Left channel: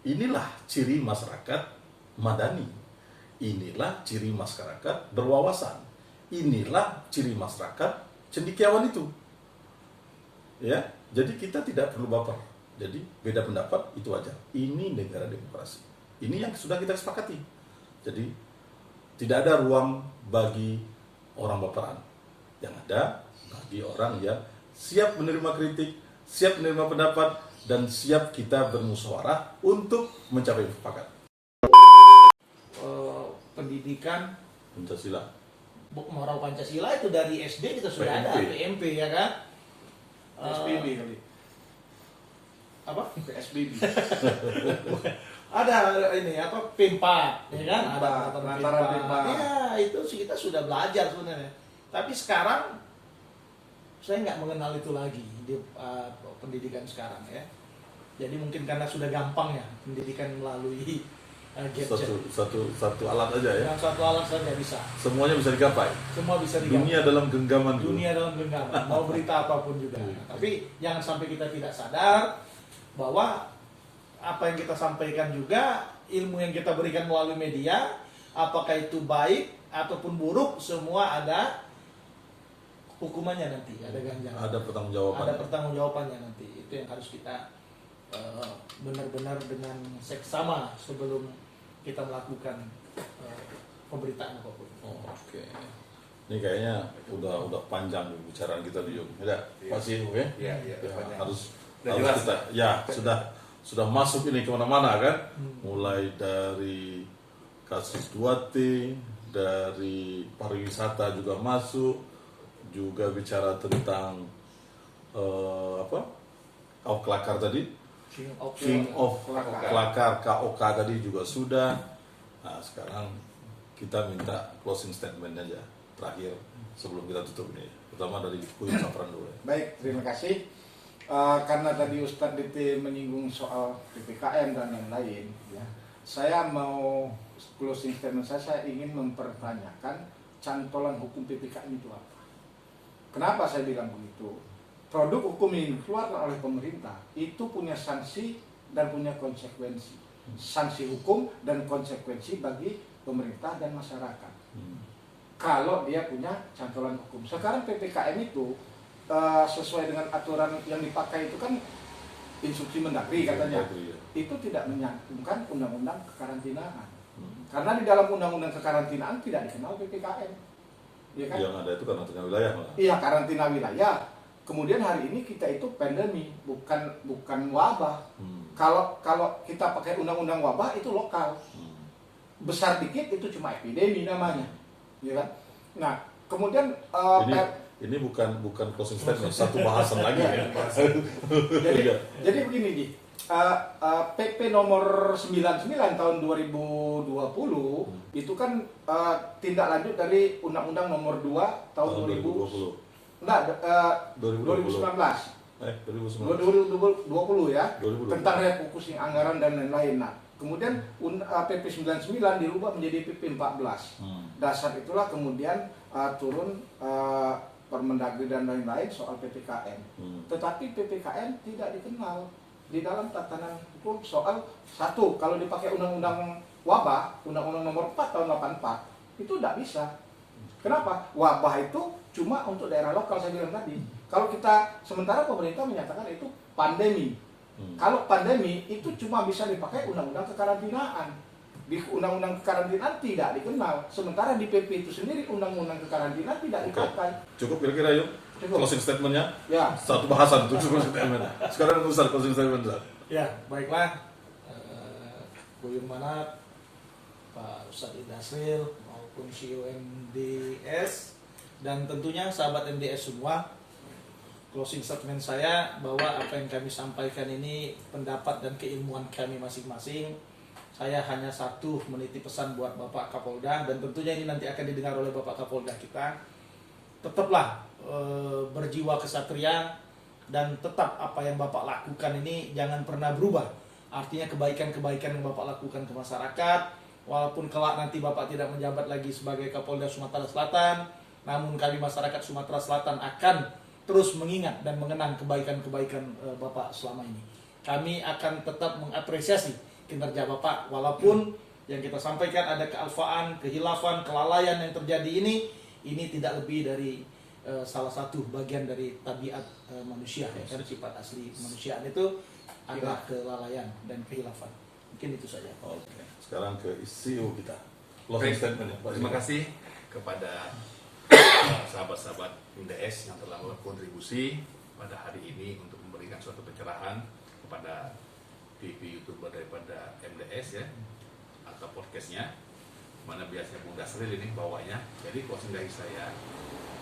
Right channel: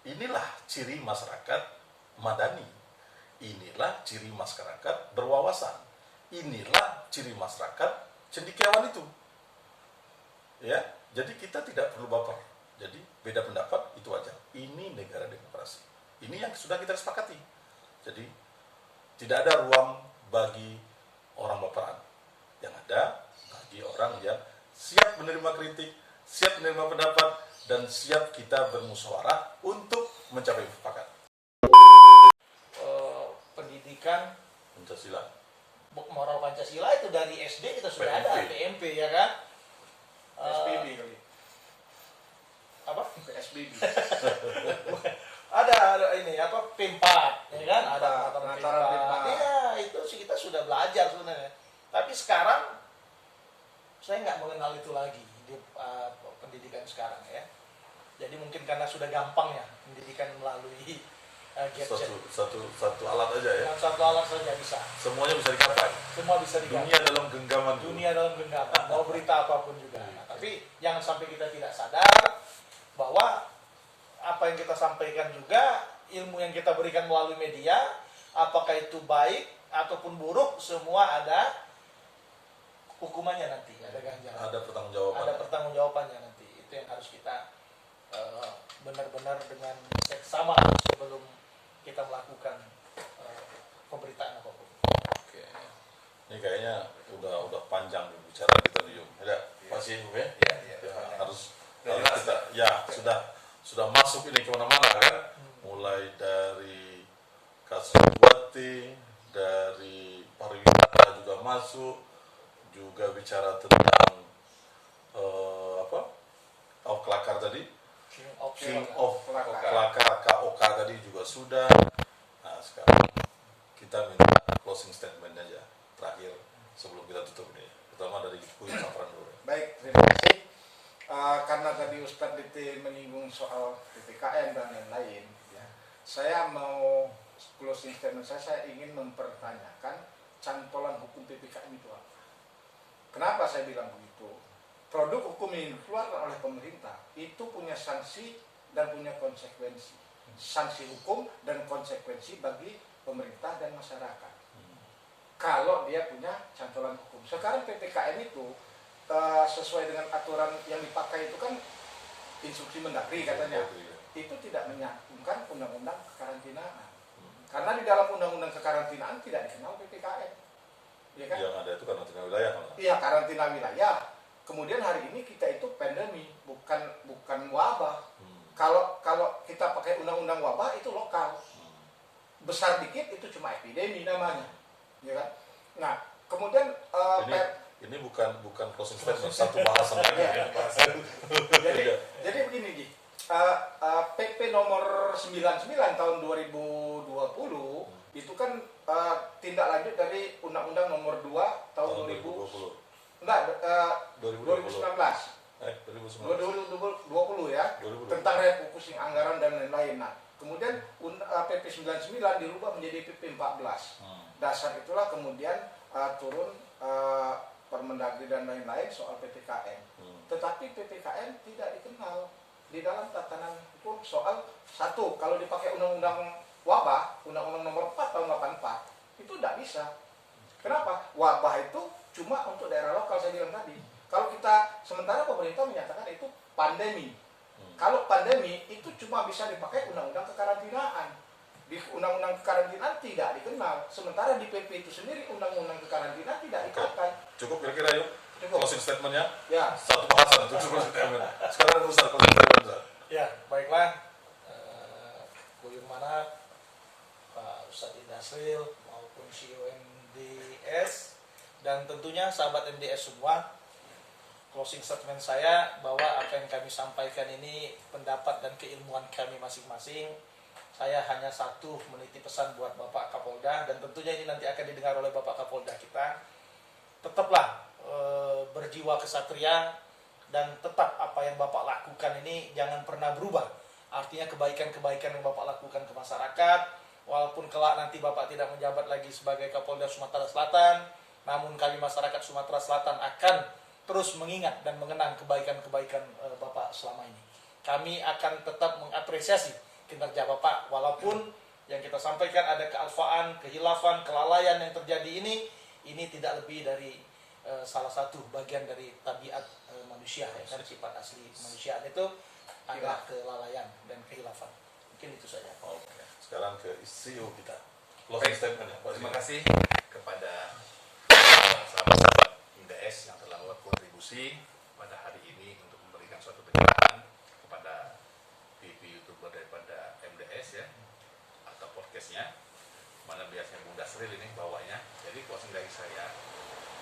Inilah ciri masyarakat madani. Inilah ciri masyarakat berwawasan. Inilah ciri masyarakat cendekiawan itu. Ya, jadi kita tidak perlu baper. Jadi beda pendapat itu wajar. Ini negara demokrasi. Ini yang sudah kita sepakati. Jadi tidak ada ruang bagi orang baperan. Yang ada bagi orang yang siap menerima kritik, siap menerima pendapat, dan siap kita bermusyawarah untuk mencapai mufakat. Pendidikan Pancasila. moral Pancasila itu dari SD kita sudah ada, PMP ya kan? PSBB kali. Apa? PSBB. ada ini apa P4 ya kan? Ada pengantaran P4. Iya, itu sih kita sudah belajar sebenarnya. Tapi sekarang saya nggak mengenal itu lagi di pendidikan sekarang ya. Jadi mungkin karena sudah gampang ya pendidikan melalui gadget. Satu alat aja ya. Dengan satu alat saja bisa. Semuanya bisa digapai. Semua bisa digapai. Dunia dalam genggaman. Dunia dalam genggaman. Mau berita apapun juga. Tapi jangan sampai kita tidak sadar bahwa apa yang kita sampaikan juga, ilmu yang kita berikan melalui media, apakah itu baik ataupun buruk, semua ada hukumannya nanti, ada ganjaran. Ada pertanggungjawabannya. Ada pertanggungjawabannya nanti. Itu yang harus kita benar-benar dengan seksama sebelum kita melakukan pemberitaan apapun. Oke. Ini kayaknya udah panjang bicara kita nih, ya. Masih oke? Iya, Harus jelas, kita ya sudah masuk ini kemana-mana kan, mulai dari kasus Duarte, dari pariwisata juga masuk, juga bicara tentang Kelakar tadi, King of Kelakar, KOK tadi juga sudah. Nah sekarang kita minta closing statement aja terakhir sebelum kita tutup ini, pertama dari Buyut Safran dulu. Baik, terima kasih. Karena tadi Ustadz DT menyinggung soal PPKM dan lain-lain, ya, saya mau closing statement saya ingin mempertanyakan cantolan hukum PPKM itu apa. Kenapa saya bilang begitu? Produk hukum yang dikeluarkan oleh pemerintah itu punya sanksi dan punya konsekuensi. Sanksi hukum dan konsekuensi bagi pemerintah dan masyarakat. Kalau dia punya cantolan hukum. Sekarang PPKM itu sesuai dengan aturan yang dipakai itu kan instruksi Mendagri katanya. Itu tidak menyantumkan undang-undang kekarantinaan. Karena di dalam undang-undang kekarantinaan tidak dikenal PPKM. Ya kan? Yang ada itu karantina wilayah. Iya, karantina wilayah. Kemudian hari ini kita itu pandemi, bukan wabah. Kalau kita pakai undang-undang wabah itu lokal. Besar dikit itu cuma epidemi namanya. Ya kan? Nah, kemudian ini bukan closing statement, satu bahasan lagi ya. Jadi begini di PP nomor 99 tahun 2020 itu kan tindak lanjut dari Undang-Undang nomor 2 tahun 2020. Enggak, 2019. 2020 ya. 2020. Tentang refocusing anggaran dan lain-lain. Nah, kemudian PP 99 dirubah menjadi PP 14. Dasar itulah kemudian turun Permendagri dan lain-lain soal PPKM. Tetapi PPKM tidak dikenal di dalam tatanan hukum soal satu, kalau dipakai undang-undang wabah, undang-undang nomor 4 tahun 84, itu tidak bisa. Kenapa? Wabah itu cuma untuk daerah lokal, saya bilang tadi. Kalau kita, sementara pemerintah menyatakan itu pandemi. Kalau pandemi itu cuma bisa dipakai undang-undang kekarantinaan. Di undang-undang kekarantinaan tidak dikenal. Sementara di PP itu sendiri undang-undang kekarantinaan tidak dipakai. Cukup kira-kira yuk. Closing statementnya. Ya. Satu bahasan itu closing statement. Sekarang Ustaz closing statement Ustaz. Ya, baiklah. Buyur Manat, Pak Ustadz Idasril maupun CEO MDS dan tentunya sahabat MDS semua, closing statement saya bahwa apa yang kami sampaikan ini pendapat dan keilmuan kami masing-masing. Saya hanya satu menitip pesan buat Bapak Kapolda, dan tentunya ini nanti akan didengar oleh Bapak Kapolda kita. Tetaplah berjiwa kesatria, dan tetap apa yang Bapak lakukan ini jangan pernah berubah. Artinya kebaikan-kebaikan yang Bapak lakukan ke masyarakat, walaupun kelak nanti Bapak tidak menjabat lagi sebagai Kapolda Sumatera Selatan, namun kali masyarakat Sumatera Selatan akan terus mengingat dan mengenang kebaikan-kebaikan Bapak selama ini. Kami akan tetap mengapresiasi kinerja Bapak. Walaupun yang kita sampaikan ada kealfaan, kehilafan, kelalaian yang terjadi ini tidak lebih dari salah satu bagian dari tabiat manusia, ya kan, sifat asli manusiaan itu ada kelalaian dan kehilafan. Mungkin itu saja. Oke, sekarang ke CEO kita. Closing statement ya, Pak. Terima kasih kepada sahabat-sahabat MDS yang telah berkontribusi pada hari ini untuk memberikan suatu pencerahan kepada TV YouTuber daripada MDS ya, atau podcastnya, mana biasanya Bung Dasril ini bawanya. Jadi closing dari saya,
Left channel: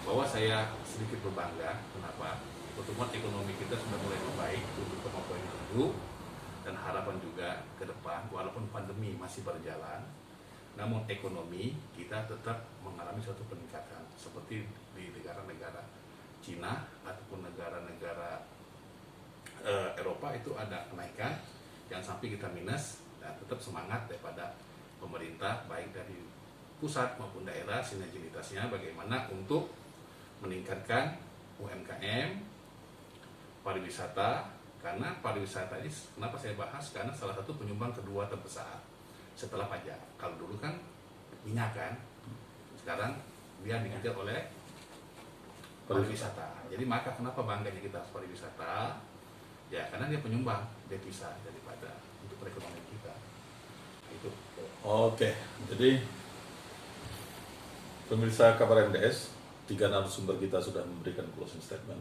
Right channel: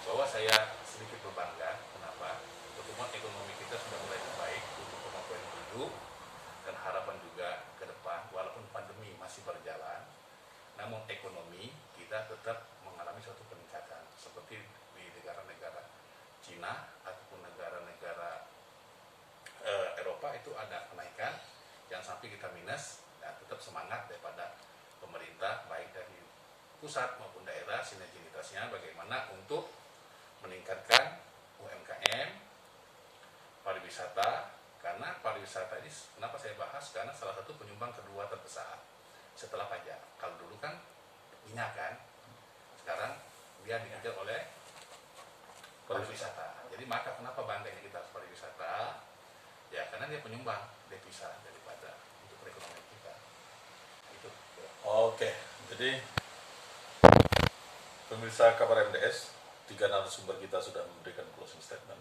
bahwa saya sedikit berbangga. Kenapa? Pertumbuhan ekonomi kita sudah mulai membaik untuk 7,7, dan harapan juga ke depan walaupun pandemi masih berjalan, namun ekonomi kita tetap mengalami suatu peningkatan seperti di negara-negara Cina ataupun negara-negara Eropa itu ada kenaikan yang sampai kita minus, dan tetap semangat daripada pemerintah baik dari pusat maupun daerah sinergitasnya bagaimana untuk meningkatkan UMKM, pariwisata, karena pariwisata ini kenapa saya bahas, karena salah satu penyumbang kedua terbesar setelah pajak. Kalau dulu kan minyak kan, sekarang dia dikejar oleh pariwisata. Jadi maka kenapa bangganya kita pariwisata? Ya karena dia penyumbang devisa daripada untuk perekonomian kita. Nah, itu. Oke, jadi pemirsa kabar MDS, 3 narasumber kita sudah memberikan closing statement.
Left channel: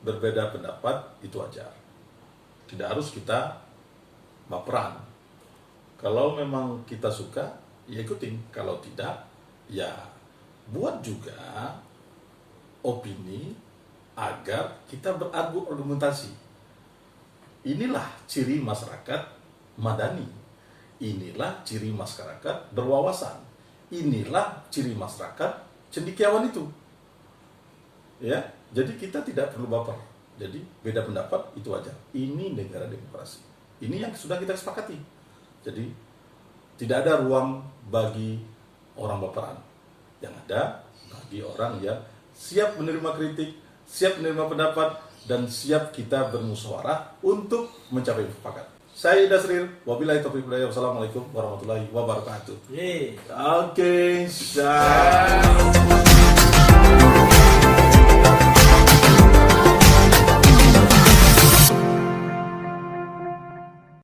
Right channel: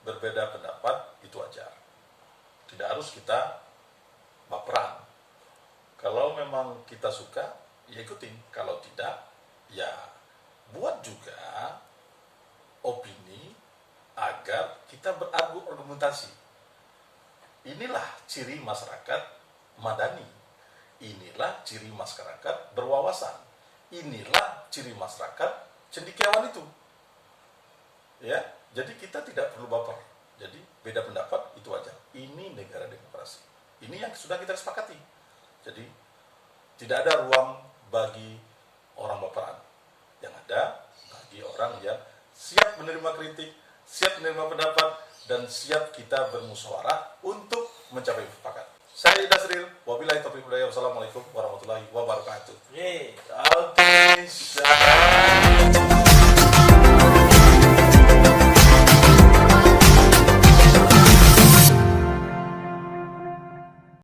Berbeda pendapat itu wajar. Tidak harus kita baperan. Kalau memang kita suka, ya ikutin. Kalau tidak, ya buat juga opini agar kita berargumentasi. Inilah ciri masyarakat madani. Inilah ciri masyarakat berwawasan. Inilah ciri masyarakat cendekiawan itu. Ya, jadi kita tidak perlu baper. Jadi beda pendapat itu wajar. Ini negara demokrasi. Ini yang sudah kita sepakati. Jadi tidak ada ruang bagi orang baperan. Yang ada bagi orang yang siap menerima kritik, siap menerima pendapat, dan siap kita bermusyawarah untuk mencapai mufakat. Saya Dasril, wabillahi taufiq wal hidayah. Wassalamualaikum warahmatullahi wabarakatuh. Yeay. Oke,